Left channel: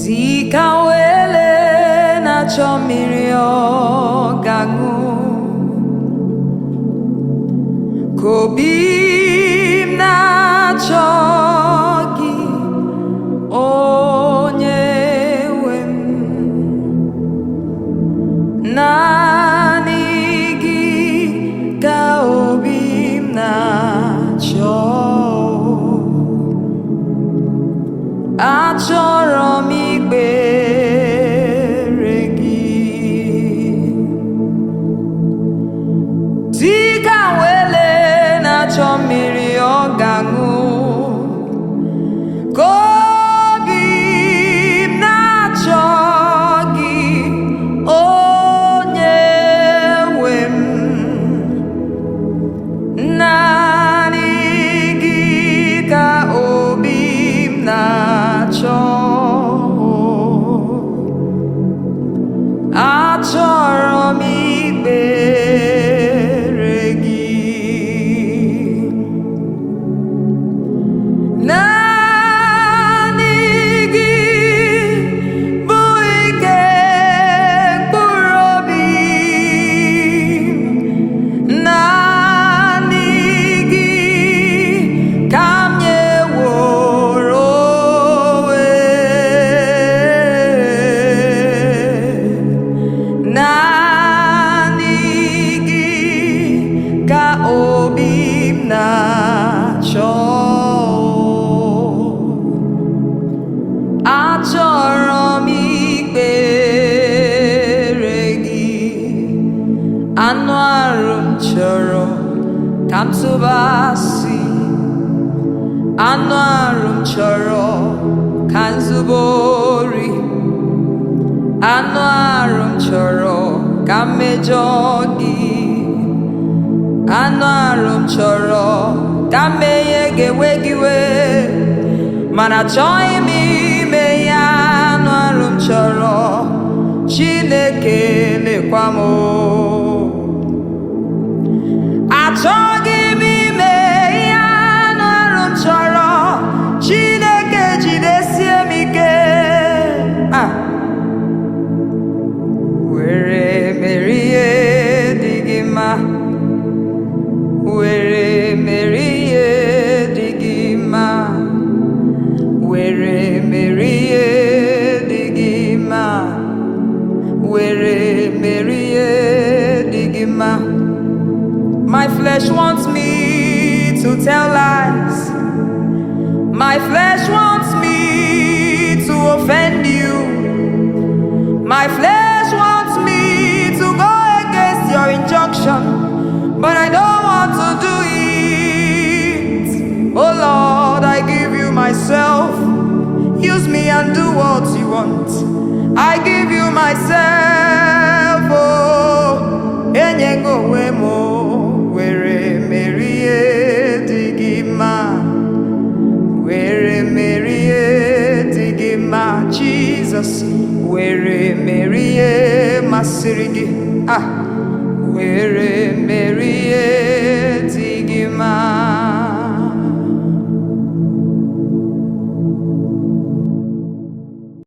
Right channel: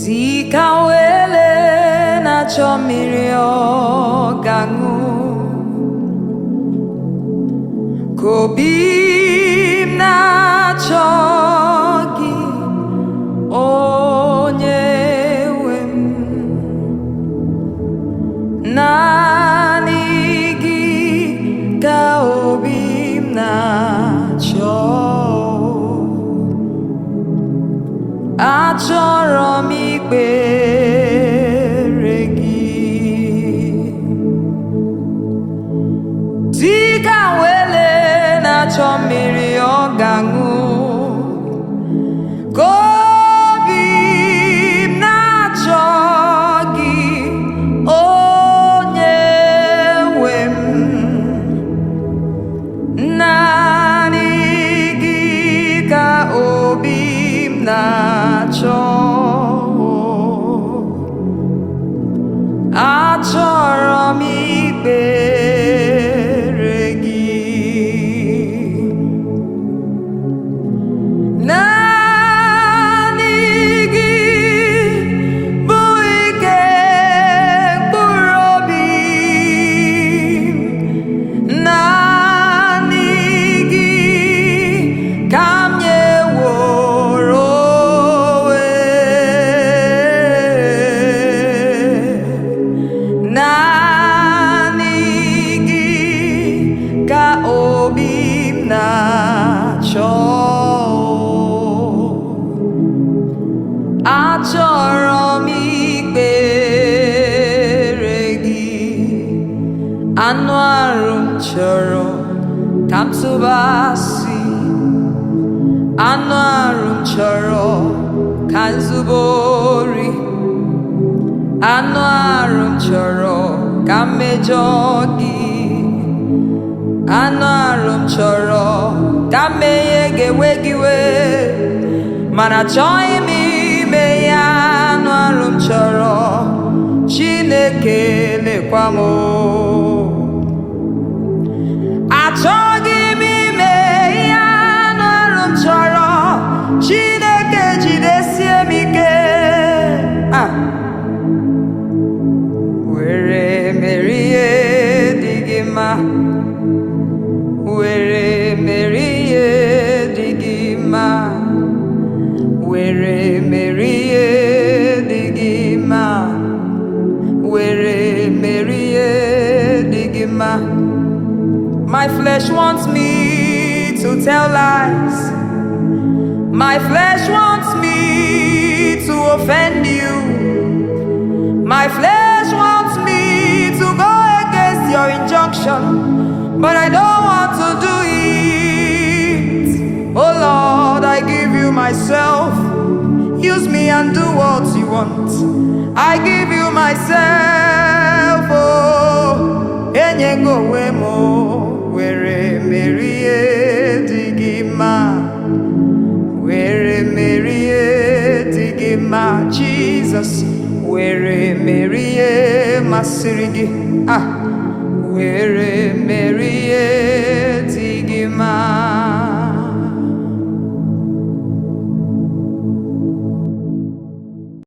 Dịka wele na-achọ mmiri ọ ga-aṅụ, ka obi m na-achọ gị, onye nwe m. Naanị gị ka obi m na-achọ. Achọrọ m ikpere gị, dịka wele na-achọ mmiri ọ ga-aṅụ, ka obi m na-achọ gị, onye nwe m. Naanị gị ka obi m na-achọ. Achọrọ m ikpere gị. Naanị gị bụ ike mkpụrụ obi m. Naanị gị ka m nyeworo onwe. Naanị gị ka obi m na-achọ. Achọrọ m ikpere gị. Anụ arụ m chọrọ ka m tụbasị, anụ arụ m chọrọ ka m zube ori, anụ arụ m chọrọ ka m mejọ gị, anụ arụ m chọrọ ka m menye ga-ewe gị wee, mana achọghị m ime ya. Anụ arụ m chọrọ, Chineke lekwa m. Achọghị m ime ya. Anụ arụ m chọrọ, Chineke jidesie m ike. Were merie dị gị mma, were merie dị gị mma, were merie dị gị mma, were merie dị gị mma. My flesh wants me to tell lies. My flesh wants me to offend you. My flesh wants me to go against your injunction, but I don't want to do it. Oh Lord, I give you myself. Use me and do what you want. I give you myself. Oh, enyengo wemo, were merie digima, were merie digima, Jesus. Were merie masirigi, were merie digima.